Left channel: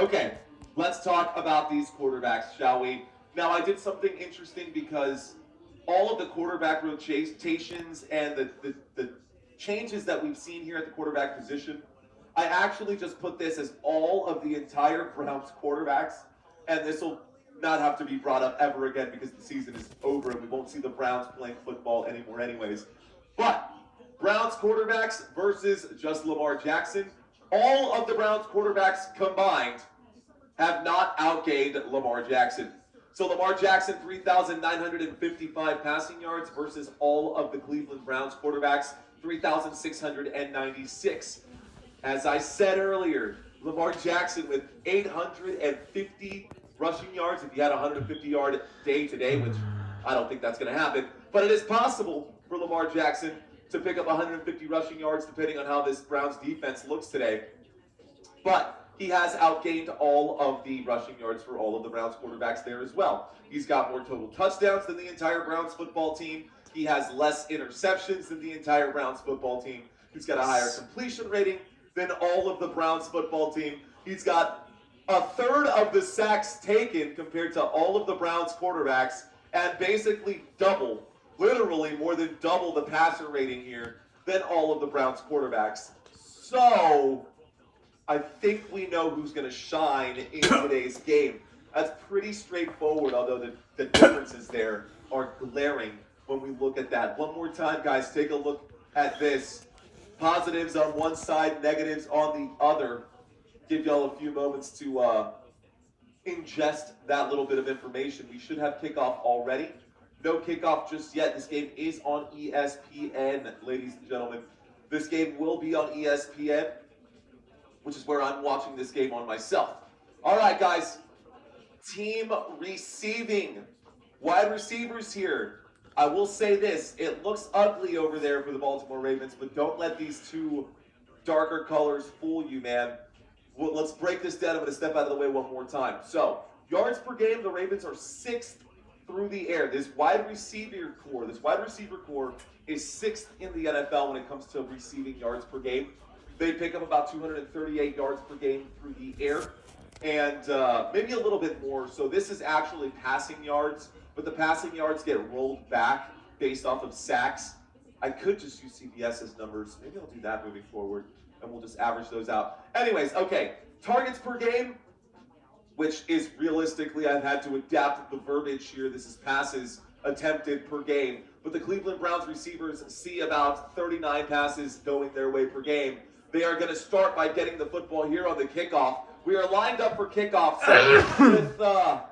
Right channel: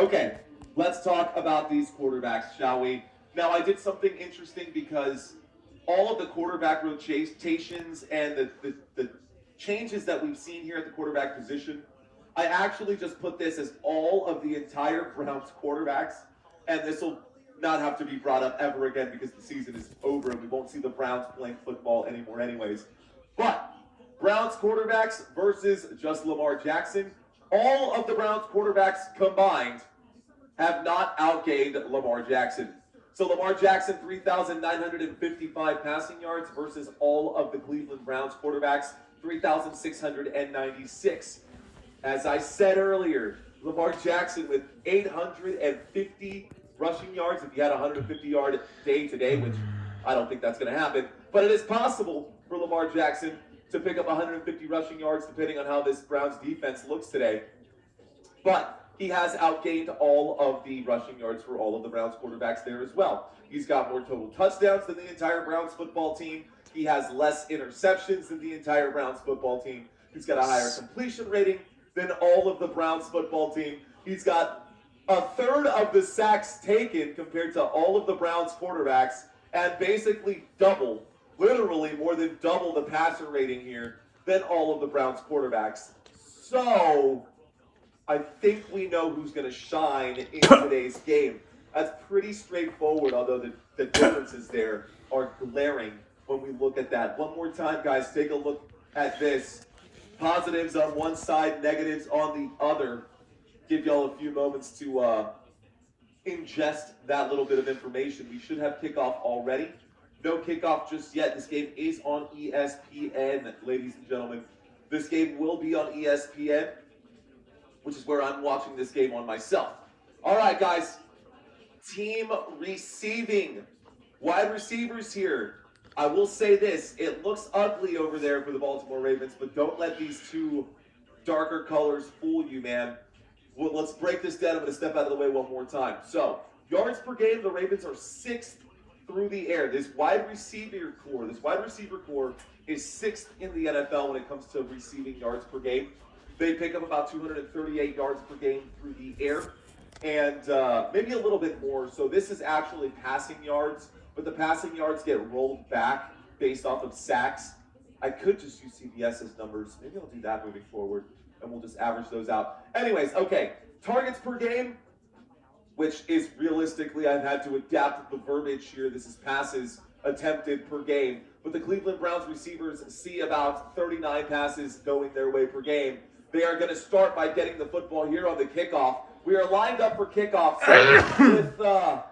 Okay, let's talk about these quarterbacks, shall we? Now, I did something interesting because all of the quarterback rotations and the changes that we've seen here at the quarterback position, I actually just put this as all of the entire Browns quarterbacks, and this will not have to be brought up ever again because the season is over and we won't see the Browns playing football anymore anyways. But Browns quarterbacks versus just Lamar Jackson. All of the Browns quarterbacks combined have not outgained Lamar Jackson. So Lamar Jackson, 3,955 passing yards versus all of the Cleveland Browns quarterbacks, 3,696. As I said earlier, Lamar Jackson with 850 rushing yards. If you had a 150-yard day today, which I don't think that's going to happen, but it is possible for Lamar Jackson to pick up 150 rushing yards depending on how this Browns defense looks today. But he has outgained all of the rushing yards for all of the Browns quarterbacks there as well. He's got more total touchdowns than the entire Browns football team. He has less interceptions than the entire Browns football team. He's got a higher completion rating than all of the Browns football team. He's got a third of the sacks taken compared to all of the Browns quarterbacks, and basically double, literally more than double the passer rating here than all of the Browns quarterbacks. So I think we know who's going to shine in today's game. That's pretty straightforward, although the differences there are glaring when we look at that. One more time, guys, take a look at this. Positives on one side, negatives on the other. Give y'all a few moments to ingest that little bit of information. We should have kickoff already. No kickoff just yet. This game is on ESPN, ladies and gentlemen. This game will be on ESPN, which is where I'm watching this game on myself. All right, guys. Team receiving. Wide receivers here. I will say this. It looks ugly over there for the Baltimore Ravens, but don't let these two darker colors fool you, man. Well, let's break this down. I'm going to step out of the way one more time. So, yards per game, the Ravens are 6th through the air. This wide receiver core is 6th in the NFL when it comes to receiving yards per game. They pick up about 238 yards per game through the air, and maybe a little bit more. So this is actually passing yards, but the passing yards get rolled back based off of sacks. I could just use CBS's numbers. Maybe I'll do that moving forward, and we'll just average those out. Anyways, okay, targets per game, which is realistically, I've had to adapt the verbiage here. This is passes attempted per game. But the Cleveland Browns receivers see about 39 passes going their way per game. They are going to start by getting the football here on the kickoff. We are lined up for kickoff. So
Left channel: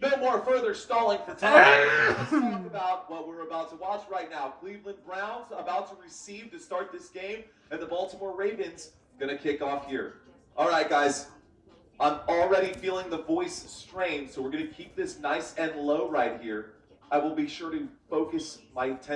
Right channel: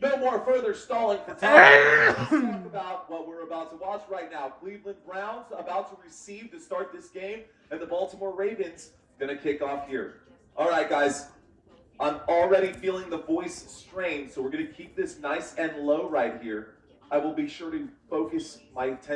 with no more further stalling for time, let's talk about what we're about to watch right now. Cleveland Browns about to receive to start this game, and the Baltimore Ravens going to kick off here. All right, guys. I'm already feeling the voice strain, so we're going to keep this nice and low right here. I will be sure to focus my attention